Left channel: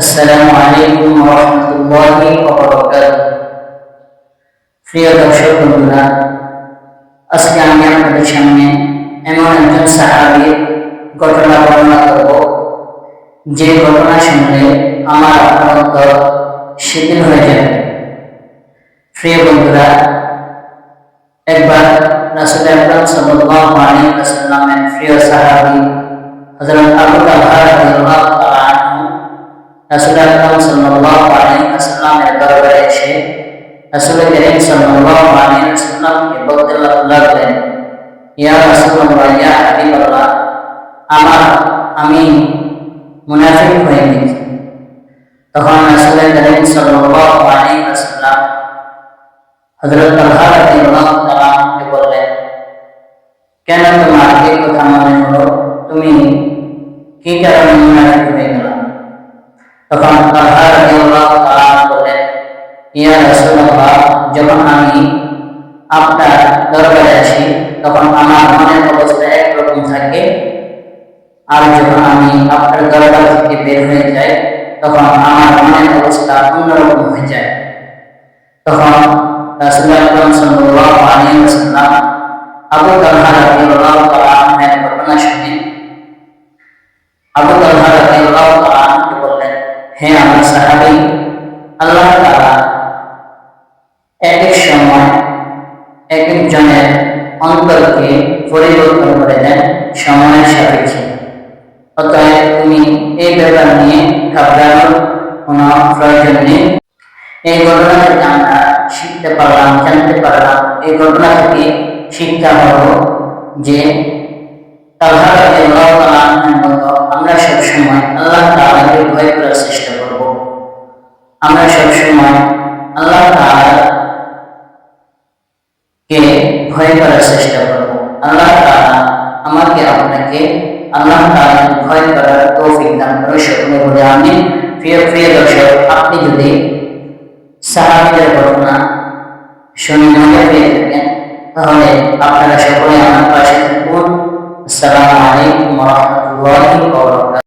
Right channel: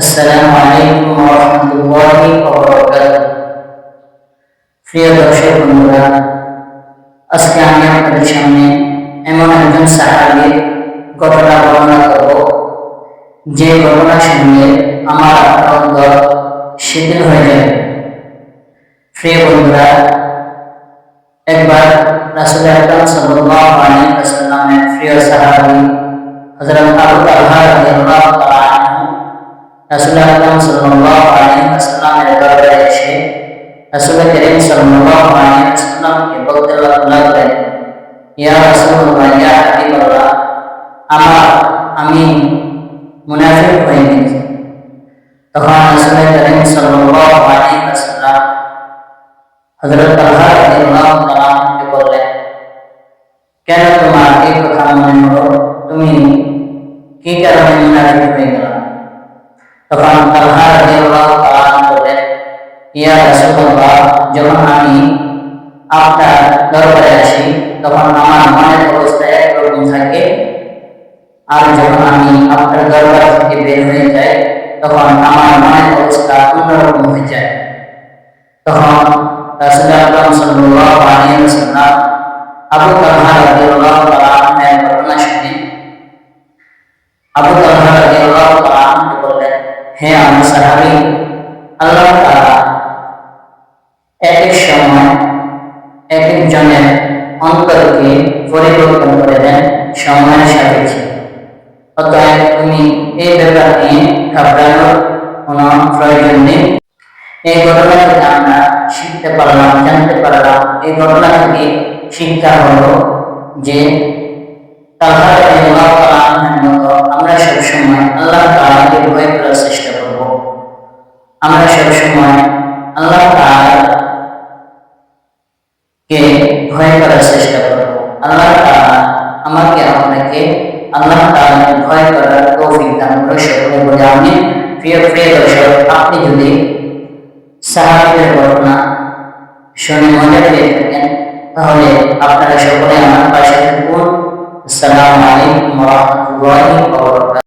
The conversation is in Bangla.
আসসালামু আলাইকুম ওয়া রাহমাতুল্লাহি ওয়া বারাকাতুহু। প্রিয় দর্শক বন্ধুরা, আজকে আমি আপনাদের সামনে এমন একজন সাহাবীর ঘটনা বর্ণনা করব, যে ঘটনা শুনলে আমার আপনার অন্তর শিথিল হয়ে যাবে। প্রিয় বন্ধুরা, একবার রাসূল আকরাম সাল্লাল্লাহু আলাইহি ওয়াসাল্লামের প্রিয় সাহাবী হযরত আবু তালহা রাদিয়াল্লাহু তাআলা আনহু রাসূল আকরাম সাল্লাল্লাহু আলাইহি ওয়াসাল্লামের দরবারে এসে রাসূল করিম সাল্লাল্লাহু আলাইহি ওয়াসাল্লামকে বলতে লাগলেন, ইয়া রাসূলুল্লাহ, ইয়া হাবিবাল্লাহ, আমি মুনাফিক হয়ে গেছি। তখন রাসূল করিম সাল্লাল্লাহু আলাইহি ওয়াসাল্লাম হযরত তালহা রাদিয়াল্লাহু তাআলা আনহুকে বললেন, কেন তোমার এই কথা মনে হলো? তুমি কি কারণে মুনাফিক হয়ে গেলা? তখন তালহা রাদিয়াল্লাহু তাআলা বললেন, ইয়া রাসূলুল্লাহ, যখন আমি আপনার দরবারে আসি তখন আমার মনের অবস্থা একরকম থাকে, আর যখন আমি আপনার দরবার থেকে বের হয়ে যাই তখন আমার মনের অবস্থা অন্যরকম হয়ে যায়। তখন রাসূল আকরাম সাল্লাল্লাহু আলাইহি ওয়াসাল্লাম আবু তালহা রাদিয়াল্লাহু তাআলা আনহুর ঘটনা শুনে আবু তালহা রাদিয়াল্লাহু তাআলা আনহুকে বললেন, হে আমার সাহাবী, আল্লাহ তাআলা এক এক সময় এক একজনের অন্তরকে পরিবর্তন করে দেন সময়ের সাপেক্ষে। অতএব তুমি এই ব্যাপার নিয়ে ঘাবড়ানোর কোনো প্রয়োজন নেই। এই ঘটনা থেকে আমরা শিখতে পারলাম, জানতে পারলাম, এই ঘটনা থেকে শিক্ষা হলো যে তালহা রাদিয়াল্লাহু তাআলা আনহুর মতো আমরা সবসময় আল্লাহ তাআলাকে ভয় করার চেষ্টা করব। আমরা সবসময় আল্লাহ তাআলাকে ভয় করার চেষ্টা করব। আল্লাহ তাআলা আমাকে আপনাকে আল্লাহ তাআলাকে ভয় করার তৌফিক দান করুন, সকলে বলে আমিন। প্রিয় দর্শক, আপনি যদি সাহাবীদের ঘটনা শুনে মজা পেয়ে থাকেন তাহলে আপনারা সকলে আমার পাশে থাকুন। আসসালামু আলাইকুম ওয়া রাহমাতুল্লাহি ওয়া বারাকাতুহু।